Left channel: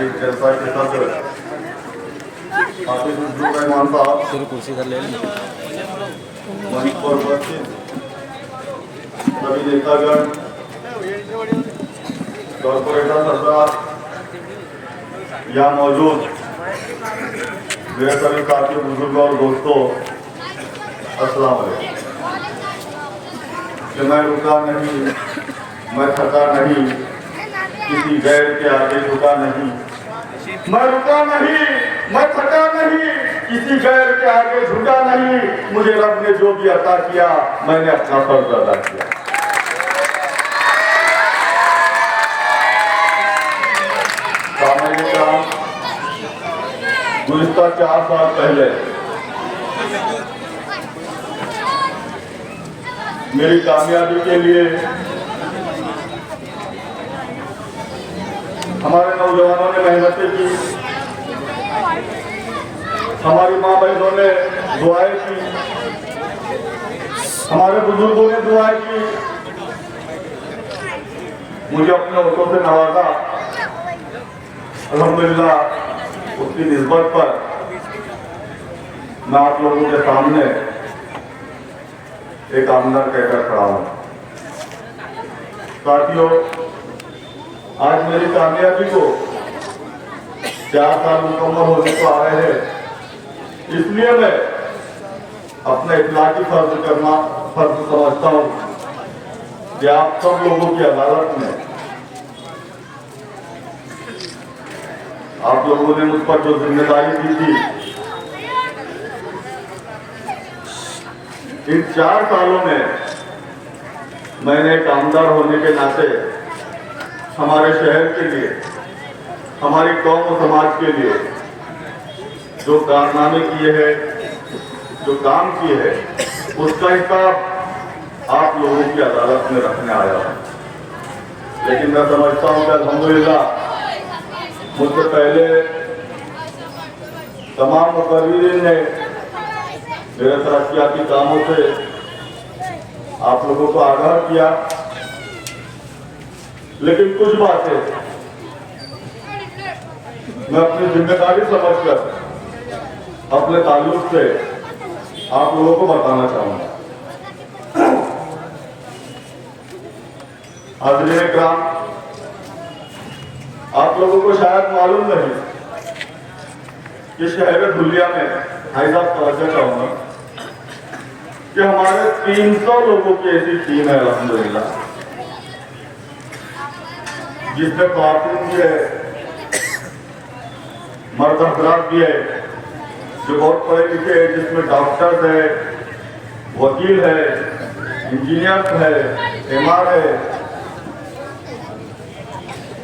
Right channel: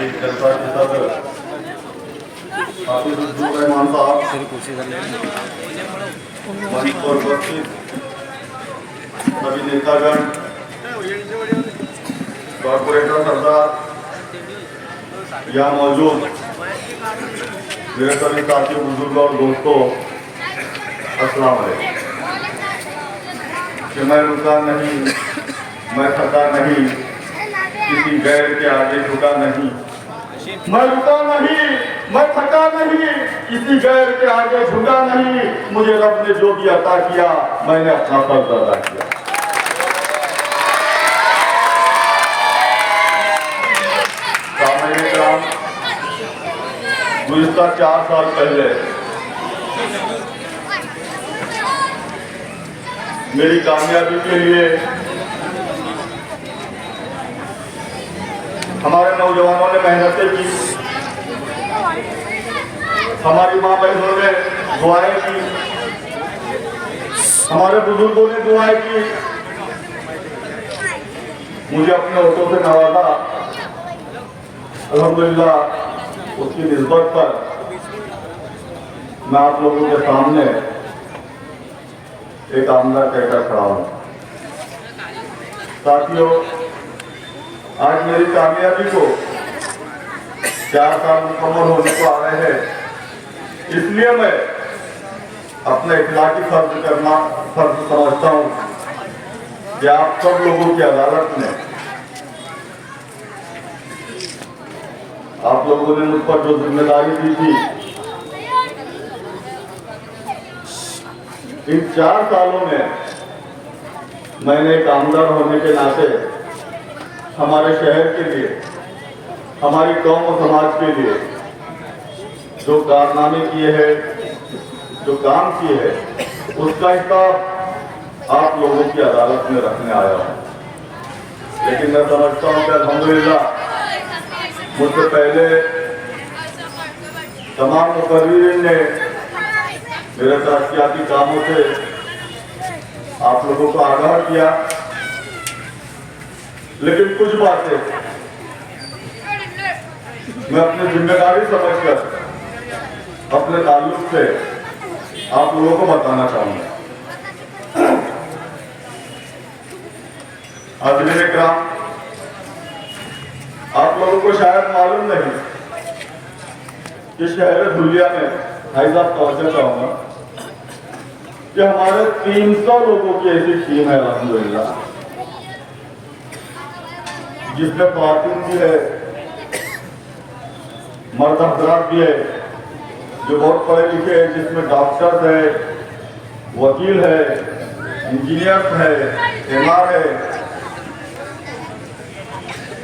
इस जलसा के सदर हाफिज अब्दुल रहमान साहब, मंच पर उपस्थित सभी नेतागण, कॉर्पोरेटर सरदार, यहाँ मौजूद मेरे सभी साथियों, बुजुर्ग और दोस्तों, अस्सलाम वालेकुम। कि मैं रुका नहीं, मैं थका नहीं, किसी गैर के आगे झुका नहीं। मैं रुका नहीं, मैं थका नहीं, किसी गैर के आगे झुका नहीं। मुझे रब ने जो भी अता किया, मैंने अपना फर्ज अदा किया। गुज़िश्ता 4 साल पहले मेरी कामयाबी के लिए हमारे नौजवानों ने मेहनतें की, हमारी माँ बहनों ने दुआएं की, हमारे बुजुर्गों ने दुआएं की, मुझे अपने होठों से नवाजा। अल्हम्दुलिल्लाह उसकी निस्बत पर मैं आप लोगों के सामने एक आमदार कहकर खड़ा हूं। साथियों, आज मेरी कामयाबी को 4 साल मुकम्मल होने को आ रहे हैं, इसलिए मैं अपना इखलाकी फर्ज समझता हूं कि आप सब लोगों की अदालत में आप लोगों ने मुझ पर जो जिम्मेदारी दी थी, इन 4 सालों में मैंने एक आमदार होने के नाते हमारे शहर के लिए, हमारी कौम और समाज के लिए जो कारनामे किए हैं, जो काम किए हैं, उसका हिसाब आप लोगों की अदालत में रखने आया हूं। लेकिन मैं समझता हूं कि अल्हम्दुलिल्लाह मुझसे पहले तमाम मुकर्रीरीन ने मेरे तरक्याती कामों से आप लोगों को आगाह किया, लेकिन कुछ बातें मैं अपनी जिम्मेदारी समझकर अपने ताल्लुक से आप लोगों को बताना चाहूंगा। हाज़रीन इकराम, आप लोगों को शायद मालूम नहीं कि शहर धुलिया में, भाई साहब तवज्जो चाहूंगा कि हमारे 300 लोगों की ऐसी टीम है अल्हम्दुलिल्लाह, जिसमें ख़वातीन भी है, मर्द हज़रात भी है जो बहुत पढ़े लिखे हैं, जिसमें डॉक्टर्स है, वकील है, इंजीनियर है, एमआर है।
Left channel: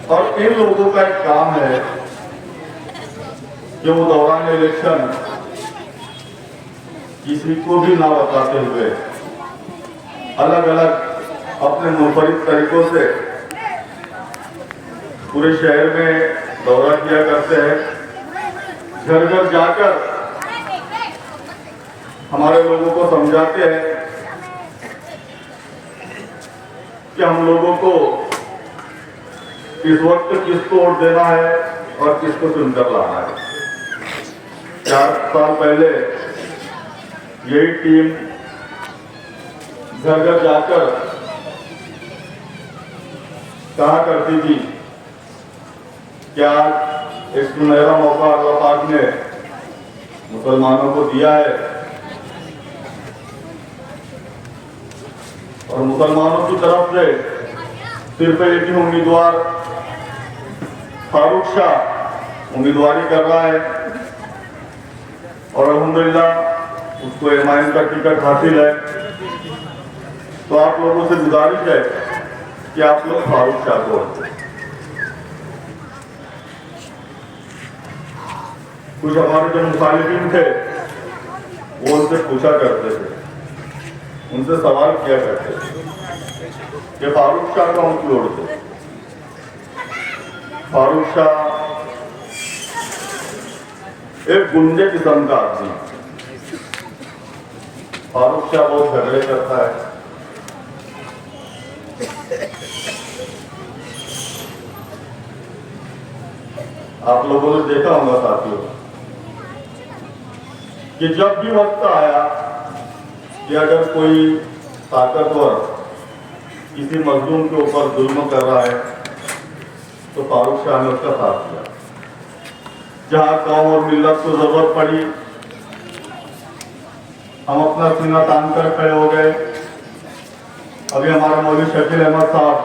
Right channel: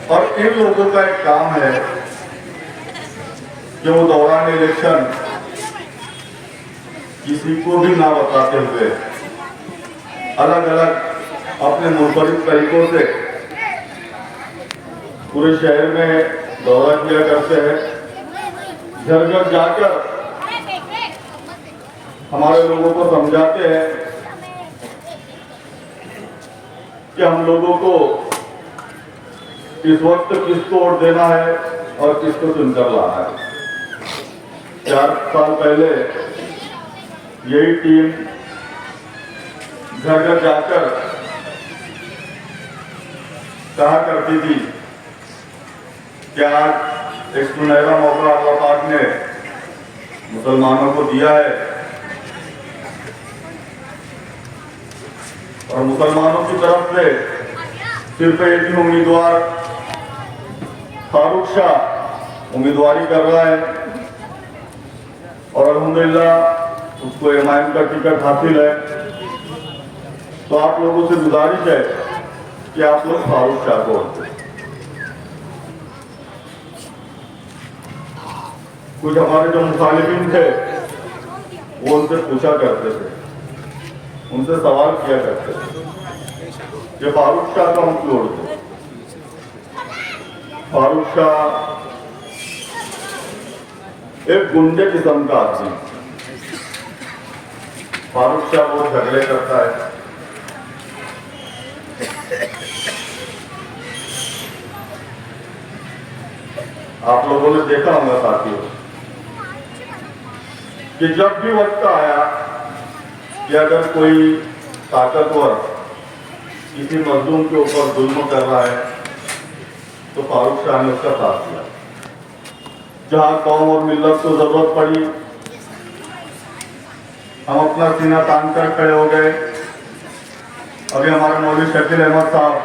और इन लोगों का एक काम है कि वो दौरान इलेक्शन किसी को भी ना बताते हुए अलग अलग अपने मुनफरिद तरीकों से पूरे शहर में दौरा किया करते हैं। घर घर जाकर हमारे लोगों को समझाते हैं कि हम लोगों को इस वक्त किसको वोट देना है और किसको चुनकर लाना है। 4 साल पहले यही टीम घर घर जाकर कहा करती थी कि आज एक सुनहरा मौका अल्लाह पाक ने मुसलमानों को दिया है और मुसलमानों की तरफ से सिर्फ एक ही उम्मीदवार फारूक शाह उम्मीदवारी कर रहा है और अल्हम्दुलिल्लाह उसको एमआईएम का टिकट हासिल है। तो आप लोगों से गुजारिश है कि आप लोग फारूक शाह को, कुछ हमारे जो मुखालिफिन थे वो उनसे पूछा करते थे, उनसे सवाल किया करते थे कि फारूक शाह का हम क्यों उड़ते। फारूक शाह एक गुंडे किस्म का आदमी, फारूक शाह बहुत झगड़े करता है, आप लोगों ने देखा होगा साथियों कि जब भी वक्त आया कि अगर कोई ताकतवर किसी मजलूम के ऊपर जुल्म कर रहा है तो फारूक शाह ने उसका साथ दिया। जहां कौम और मिल्लत को जरूरत पड़ी हम अपना सीना तान कर खड़े हो गए। अभी हमारे मौलवी शकील अहमद साहब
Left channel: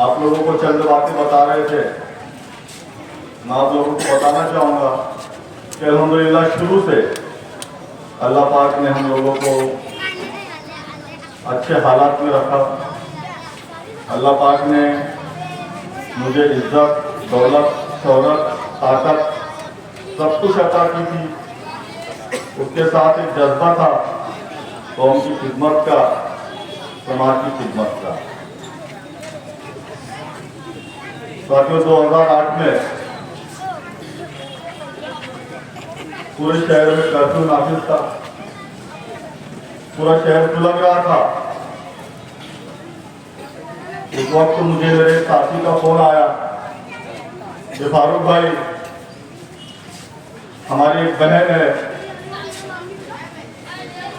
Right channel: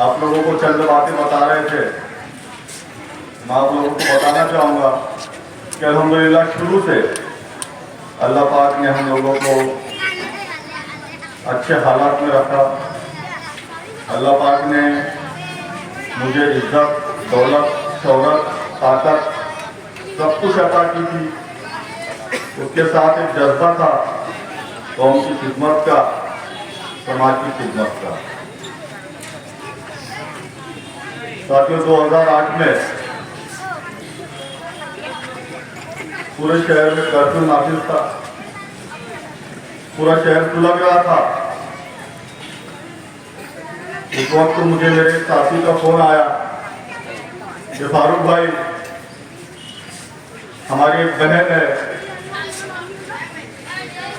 आप लोगों को चंद बातें बता रहे थे। मैं आप लोगों को बताना चाहूँगा कि अल्हम्दुलिल्लाह शुरू से अल्लाह पाक ने हम लोगों को अच्छे हालात में रखा। अल्लाह पाक ने मुझे इज्जत, दौलत, शोहरत, ताकत सब कुछ अता की थी। उसके साथ एक जज्बा था कौम की खिदमत का, समाज की खिदमत का। साथियों 2008 में पूरे शहर में कर्फ्यू नाफिज था, पूरा शहर सुलग रहा था। उस वक्त मुझे मेरे साथी का फोन आया कि फारूक भाई हमारी एक बहन है,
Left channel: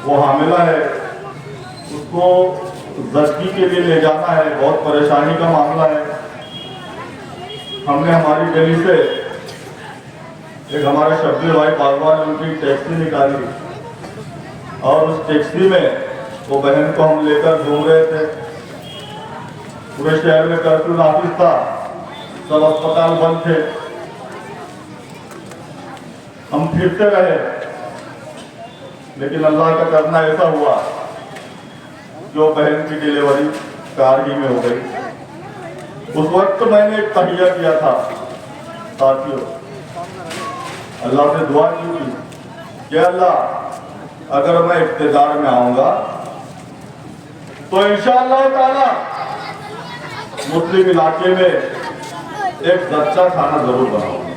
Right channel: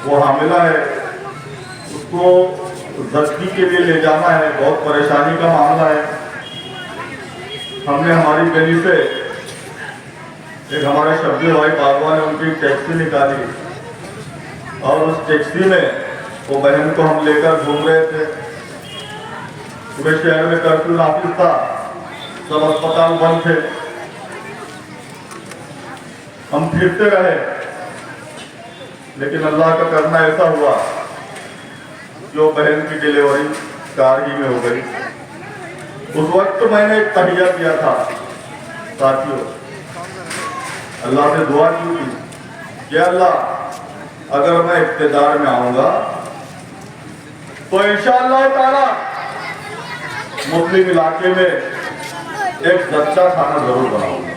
वो हामिला है, उसको जच्ची के लिए ले जाना है, बहुत परेशानी का मामला है। हमने हमारी गली से एक हमारे शब्बीर भाई बागवान ने उनकी टैक्सी निकाली और उस टैक्सी में वो बहन को हम लेकर घूम रहे थे। पूरे शहर में कर्फ्यू नाफिज था, सब अस्पताल बंद थे। हम फिरते रहे लेकिन अल्लाह का करना ऐसा हुआ जो बहन की डिलीवरी कार ही में हो गई। उस वक्त मैंने एक तहिया किया था साथियों, अल्लाह से दुआ की थी कि अल्लाह अगर मैं इख्तिदार में आऊंगा तो इंशाअल्लाह ताला मुस्लिम इलाके में एक सच्चा खाना जरूर बनाऊंगा।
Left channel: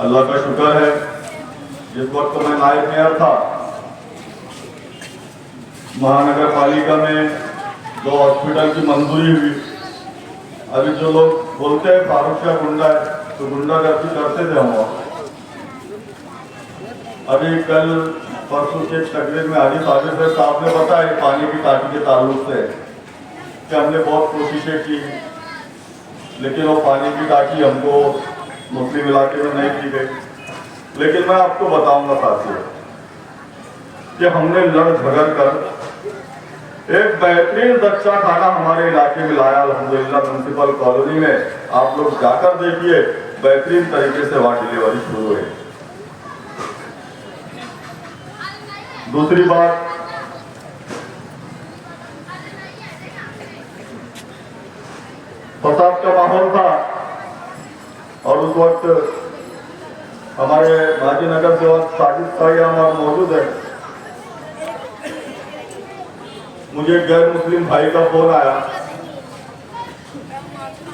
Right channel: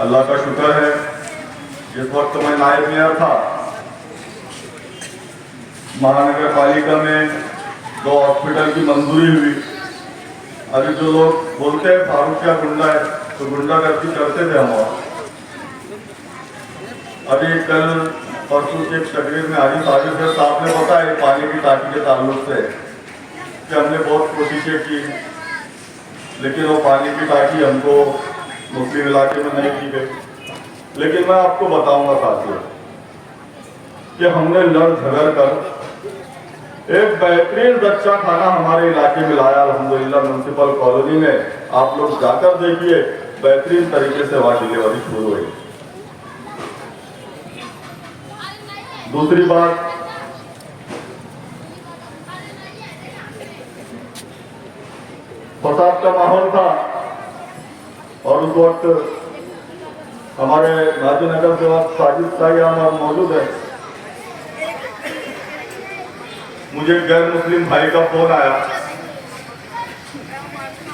अल्लाह का शुक्र है जिस वक्त मैं नायब मेयर था महानगर पालिका में 2 हॉस्पिटल की मंजूरी हुई। अभी जो लोग बोलते हैं फारूक शाह गुंडा है तो गुंडागर्दी करते थे हम। अभी कल परसों की एक तकरीर में हाजी साहब ने बताया पानी की टांकी के ताल्लुक से कि हमने बहुत कोशिशें की लेकिन वो पानी की टांकी हमको मुस्लिम इलाके में नहीं दी गई। लेकिन मैं आपको बताऊंगा साथियों कि हमने लड़ झगड़ कर एक बेहतरीन बच्चा खाना हमारे इलाके में लाया। अल्हम्दुलिल्लाह म्युनिसिपल कॉलोनी में आप लोग जाकर देखिए, बेहतरीन तरीके से वहां डिलीवरी शुरू हुई। दूसरी बात, फसाद का माहौल था और उस वक्त हमारे गाजीनगर से साजिद साई हमारे मौजूद है। मुझे गैर मुस्लिम भाई का फोन आया,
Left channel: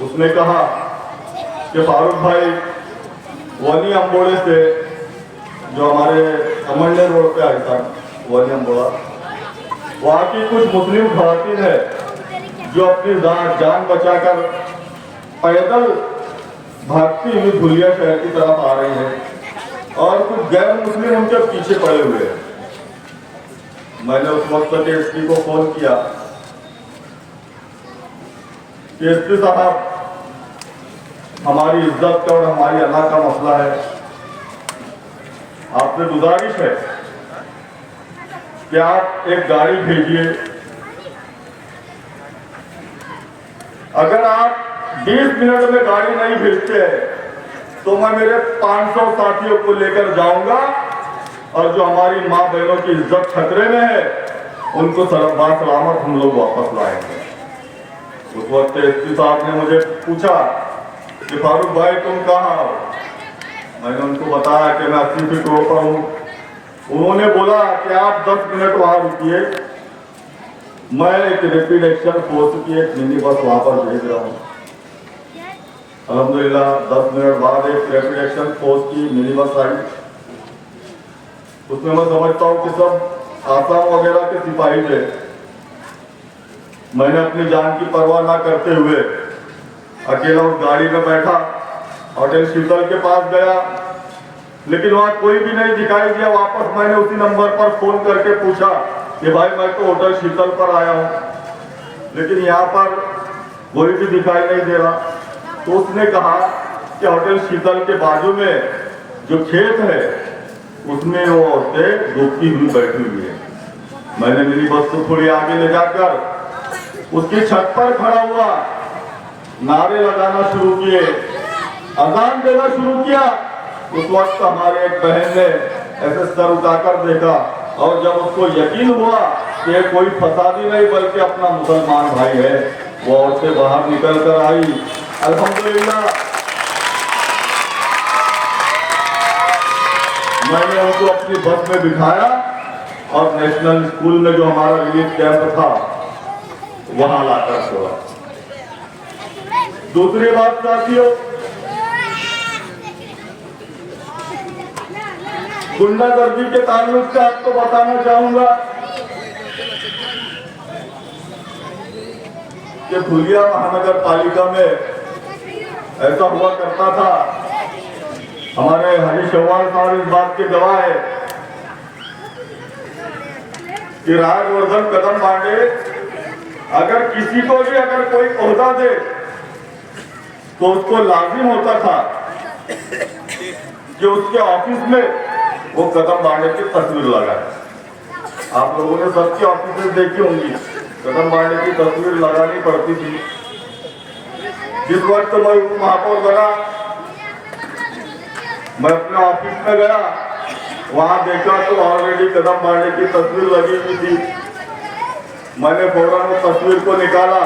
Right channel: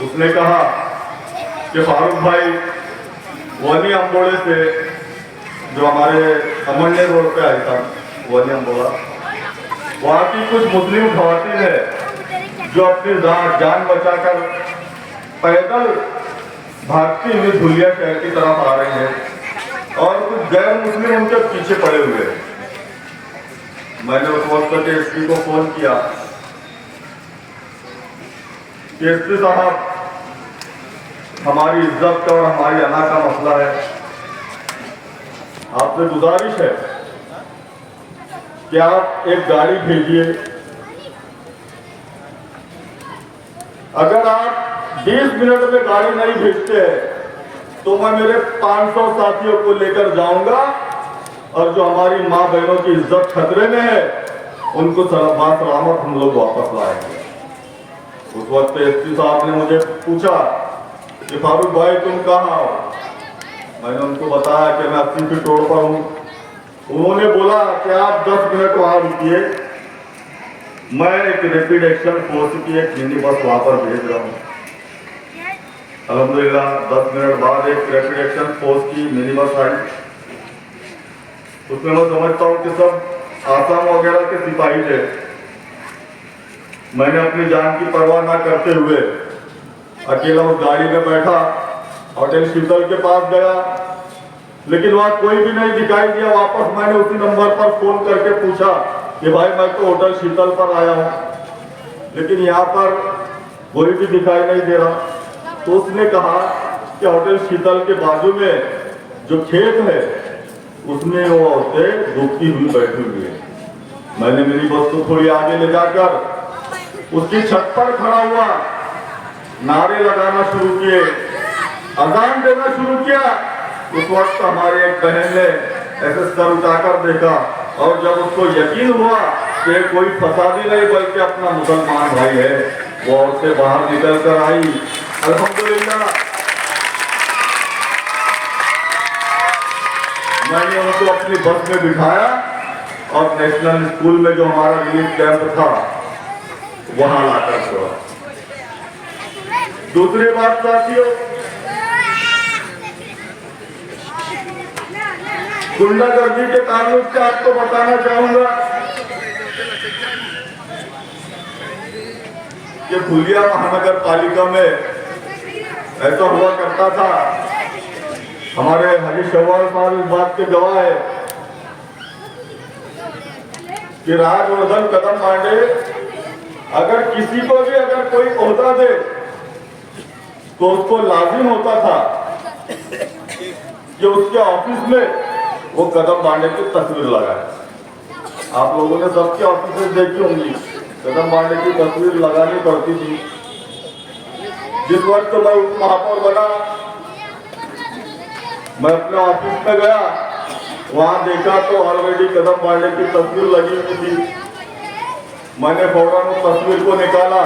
उसने कहा कि फारूक भाई वनी अम्बोड़े से जो हमारे अमरने रोड पे आया था वनी अम्बोड़ा, वहाँ की कुछ मुस्लिम खवातीन है जो अपनी जान बचाकर पैदल भागती हुई धुलिया शहर की तरफ आ रही है और कुछ गैर मुस्लिम उनके पीछे पड़े हुए हैं। मैंने उस वक्त के एसपी को फोन किया कि एसपी साहब हमारी इज्जत का और हमारी अना का मसला है, आपसे गुजारिश है कि आप एक गाड़ी भेजिए। अगर आप 20 मिनट में गाड़ी नहीं भेजते हैं तो मैं मेरे 500 साथियों को लेकर जाऊंगा और जो हमारी माँ बहनों की इज्जत खतरे में है उनको सलामत हम लोग वापस लाएंगे। उस वक्त एसपी साहब ने मुझे पूछा कि फारूक भाई तुम कहाँ हो? मैंने उनको बताया कि मैं 80 फीट रोड पर हूँ। उन्होंने बोला कि आप 10 मिनट वहां रुकिए, मैं एक रैपिड एक्शन फोर्स की एक मिनी बस वहां पर भेज रहा हूँ। अल्हम्दुलिल्लाह 10 मिनट बाद एक रैपिड एक्शन फोर्स की मिनी बस आई। उसमें मैं समझता हूँ कि सब आसाम वगैरह के सिपाही थे। मैंने अपनी जान की परवाह ना करते हुए अकेला उस गाड़ी में बैठा, होटल शीतल के पास गया, लेकिन वहां कोई भी नहीं दिखाई दिया। वापस मैंने उसी नंबर पर फोन करके पूछा कि भाई मैं तो होटल शीतल पर आया हूं, लेकिन यहाँ पर कोई भी दिखाई नहीं दे रहा। तो उसने कहा कि होटल शीतल के बाजू में जो खेत है उसमें वो औरतें डूबती हुई बैठी हुई है। मैंने मेरी बस को थोड़ी आगे ले जाकर उसकी छत पर खड़ा हुआ, नारे लगाना शुरू किए, अजान देना शुरू किया। उस वक्त हमारे एक बहन ने ऐसे सर उठाकर देखा, और जब उसको यकीन हुआ कि कोई फसादी नहीं बल्कि अपना मुसलमान भाई है, वो औरतें बाहर निकल कर आई। अल्हम्दुलिल्लाह मैंने उनको अपनी बस में बिठाया और नेशनल स्कूल में जो हमारा रिलीफ कैंप था वहां लाकर छोड़ा। दूसरी बात साथियों, गुंडागर्दी के ताल्लुक से आपको बताना चाहूंगा कि फुलिया महानगर पालिका में ऐसा हुआ करता था। हमारे हरीश चौहान साहब इस बात के गवाह है कि राजवर्धन कदम पांडे अगर किसी को भी अगर कोई ओहदा दे तो उसको लाजिम होता था कि उसके ऑफिस में वो कदम बांडे की तस्वीर लगाए। आप लोगों ने सबके ऑफिस देखी होंगी, कदम बांडे की तस्वीर लगानी पड़ती थी। जिस वक्त मैं उप महापौर बना, मैं अपने ऑफिस में गया, वहां देखा तो ऑलरेडी कदम बांडे की तस्वीर लगी हुई थी। मैंने फौरन उस तस्वीर को निकाला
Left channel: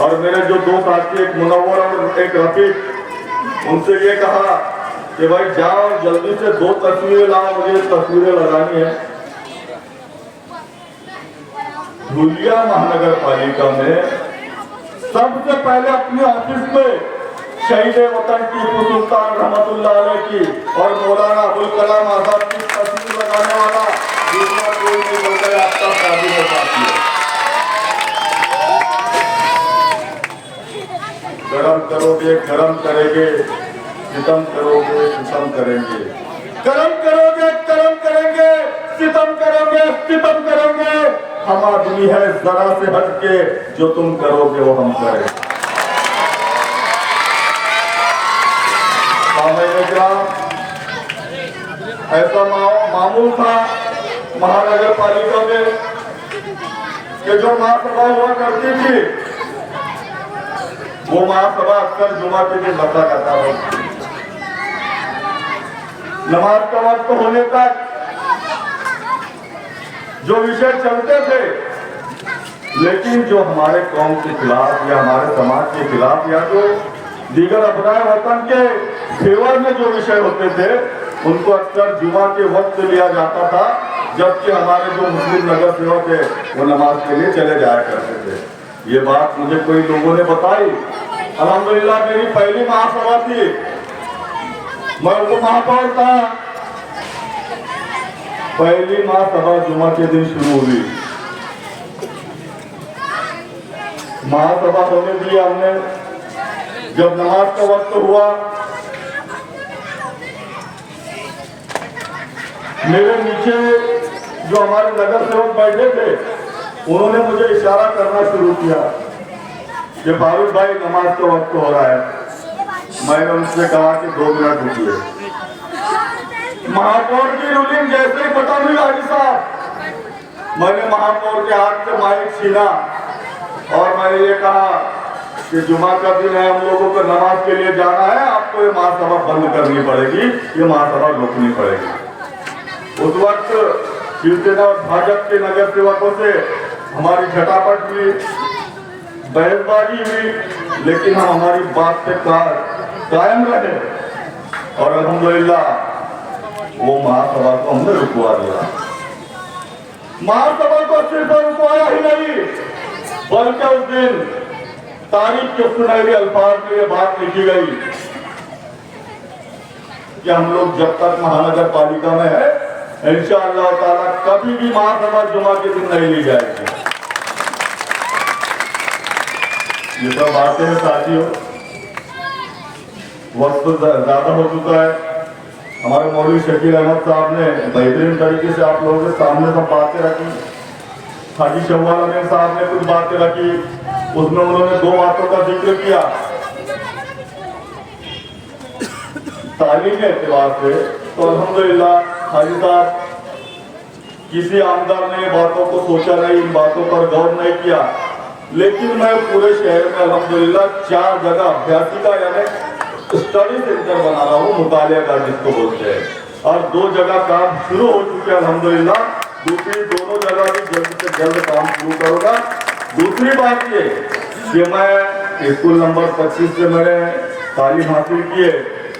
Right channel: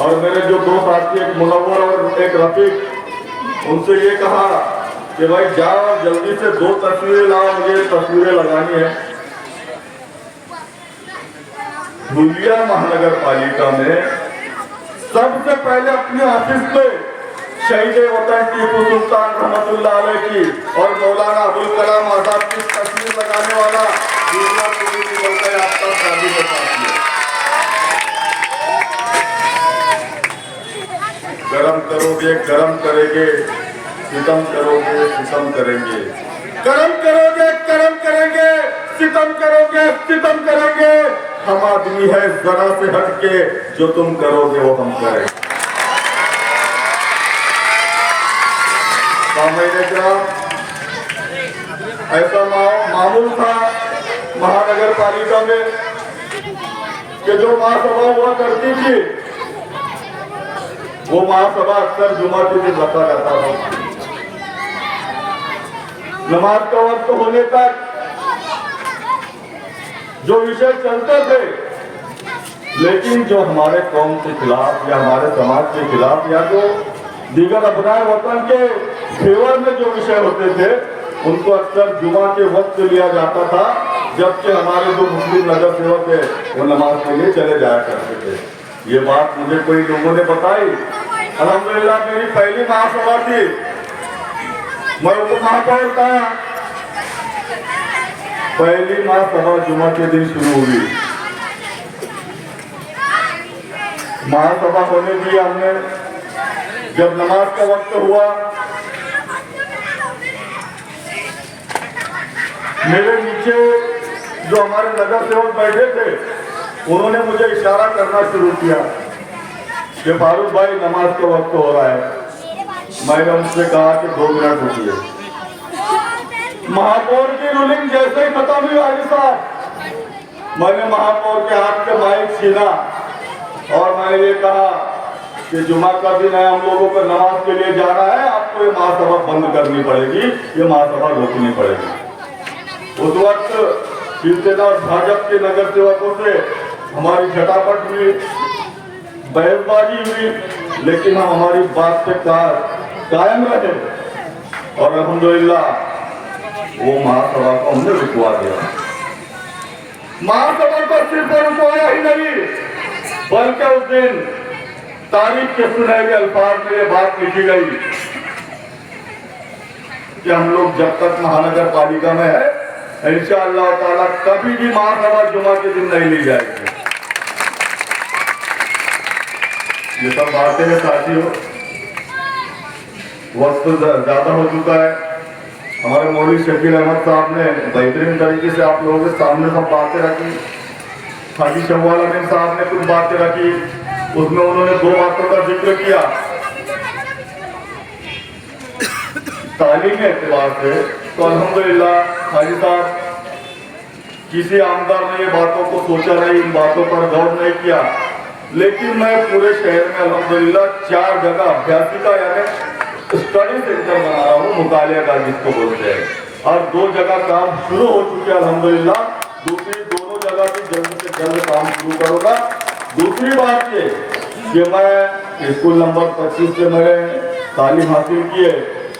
और मेरे जो दो साथी, एक मुनव्वर और एक रफीक, उनसे ये कहा कि भाई जाओ और जल्दी से 2 तस्वीरें लाओ, मुझे तस्वीरें लगानी है। फुलिया महानगर पालिका में सबसे पहले अपने ऑफिस में शहीद वतन टीपू सुल्तान रहमतुल्लाह अलैह की और मौलाना अबुल कलाम आजाद की तस्वीर लगाने वाला दूसरा कोई नहीं बल्कि आपका साथी है। गरम करोगे गरम करेंगे, सितम करोगे सितम करेंगे, गरम करोगे गरम करेंगे, सितम करोगे सितम करेंगे। हम आदमी है जरा से हटके, जो तुम करोगे वो हम करेंगे। ऐसा मामूल था महानगर पालिका में कि जो महासभा हुआ करती थी वो महासभा अक्सर जुमा के दिन बता रहता था। नमाज का वक्त होने तक जो विषय चलते थे, लेकिन जो हमारे कौम के खिलाफ या हमारे समाज के खिलाफ या जो दीगर अपनाए वतन के फेवर में जो विषय होते थे, उनको अक्सर जुमा के वक्त लिया जाता था, जबकि हमारे जो मुस्लिम नगर सेवक है वो नमाज के लिए चले जाया करते थे। ये बात मुझे कोई लोगों ने बताई। अल्हम्दुलिल्लाह मेरी पहली महासभा थी, मैं उप महापौर था। पहली महासभा जुमा के दिन शुरू हुई। महासभा होने दी हमने। जब नमाज का वक्त हुआ, मेरे नीचे जो हमारे नगर सेवक बैठे थे, उन्होंने मुझे इशारा करना शुरू किया कि फारूक भाई नमाज का वक्त हो रहा है। मैंने उनसे कहा कि 2 मिनट रुकिए। महापौर की रूलिंग जैसे ही खत्म हुई हाजी साहब, मैंने महापौर के हाथ से माइक छीना और मैंने ये कहा कि जुमा का दिन है, हम लोगों को नमाज के लिए जाना है, आपको ये महासभा बंद करनी पड़ेगी, ये महासभा रोकनी पड़ेगी। उस वक्त शिवसेना और भाजपा के नगर सेवकों से हमारी झटापट हुई, बहसबाजी हुई, लेकिन हम हमारी बात से कायम रहे और अल्हम्दुलिल्लाह वो महासभा को हमने रुकवा दिया। महासभा को सिर्फ रुकवाया ही नहीं, बल्कि उस दिन तारीख के सुनहरे अल्फाज में बात लिखी गई कि हम लोग जब तक महानगर पालिका में है, इंशाअल्लाह ताला कभी भी महासभा जुमा के दिन नहीं ली जाएगी। ये सब बातें हैं साथियों। वक्त ज़्यादा हो चुका है। हमारे मौलवी शकील अहमद साहब ने बेहतरीन तरीके से आप लोगों के सामने सब बातें रखी। हाजी शव्वाल अमीन साहब ने कुछ बातें रखी, उसमें उन्होंने 2 बातों का जिक्र किया। तालीम के एतबार से तो अल्हम्दुलिल्लाह हाजी साहब किसी आमदार ने ये बातों को सोचा नहीं, इन बातों पर गौर नहीं किया, लेकिन मैं पूरे शहर में अल्हम्दुलिल्लाह 4 जगह अभ्यासिका यानी स्टडी सेंटर बना रहा हूँ, मुतालिया का जिसको बोलते हैं, और 2 जगह काम शुरू हो चुके हैं अल्हम्दुलिल्लाह। दूसरी दोनों जगह भी जल्द से जल्द काम शुरू करूँगा। दूसरी बात ये कि मैं स्कूल नंबर 25 से मैंने तालीम हासिल की है।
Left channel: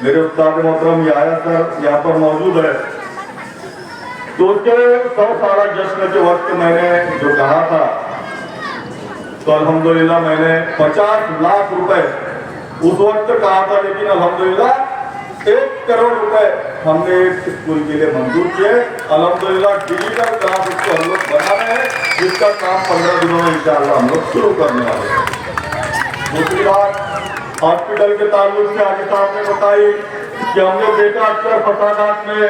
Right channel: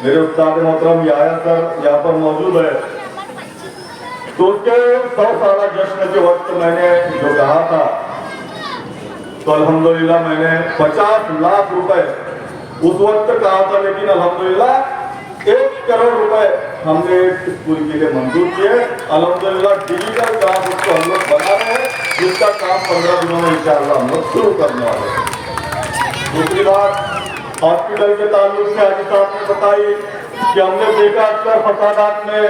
मेरे उस्ताद मोहतरम याया सर यहाँ पर मौजूद है। तो उसके 100 साला जश्न के वक्त मैंने जो कहा था, तो अल्हम्दुलिल्लाह मैंने 50 लाख रुपए उस वक्त कहा था, लेकिन अल्हम्दुलिल्लाह 1 करोड़ रुपए हमने एक स्कूल के लिए मंजूर किए। अल्हम्दुलिल्लाह डिजिटल काम उसको हम लोग बना रहे हैं, जिसका काम 15 दिनों में इंशाअल्लाह हम लोग शुरू करने वाले हैं। दूसरी बात हॉस्पिटल के ताल्लुक से हाजी साहब ने बताई कि हमने देखा अक्सर फसादात में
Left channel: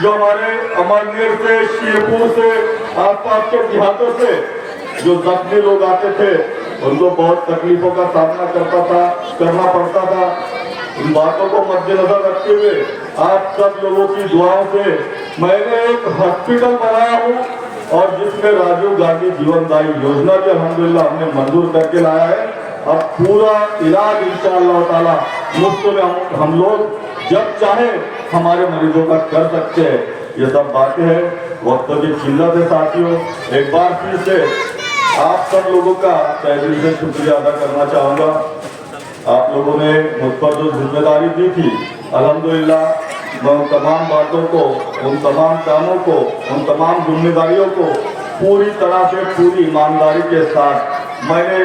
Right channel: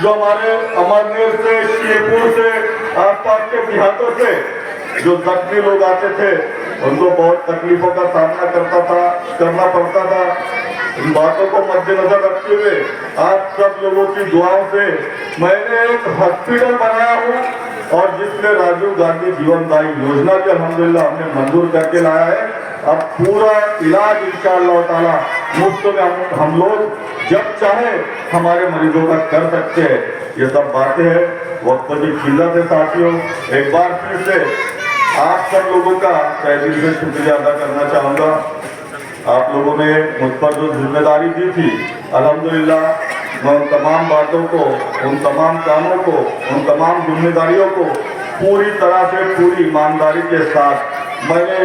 जो हमारे अमरनेर से, शीरपुर से, आसपास के देहातों से जो जख्मी लोग आते थे, उनको बहुत तकलीफों का सामना करना पड़ता था। इन बातों को मद्देनजर रखते हुए आप सब लोगों की दुआओं से मैंने एक हॉस्पिटल बनाया हूँ, और जिसमें राजीव गांधी जीवनदायी योजना के अल्हम्दुलिल्लाह हमने मंजूर करके लाया है। अब पूरा इलाज इंशाअल्लाह ताला मुफ्त में हम लोग जब चाहे हमारे मरीजों का कर सकते हैं। ये सब बातें हैं, वक्त की किल्लत है साथियों। एक बार फिर से आप सब लोगों का तहे दिल से शुक्रिया अदा करना चाहूँगा। आप लोगों ने मुझ पर जो जिम्मेदारी दी थी, अल्हम्दुलिल्लाह मैं उन तमाम बातों को, उन तमाम कामों को, उन तमाम जिम्मेदारियों को पूरी तरह से, पूरी ईमानदारी के साथ मैंने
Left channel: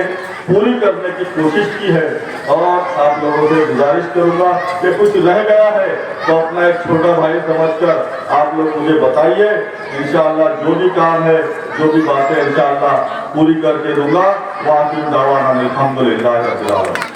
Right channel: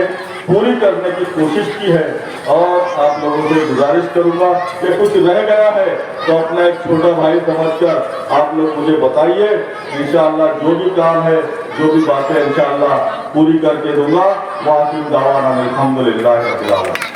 पूरी करने की कोशिश की है। और आप लोगों से गुजारिश करूंगा कि कुछ रह गया है तो अपना एक छोटा भाई समझकर आप लोग मुझे बताइए। इंशाअल्लाह जो भी काम है, जो भी बातें इंशाअल्लाह पूरी करके दूंगा। वाक़ई दावाना अल्हम्दुलिल्लाह रब्बिल आलमीन।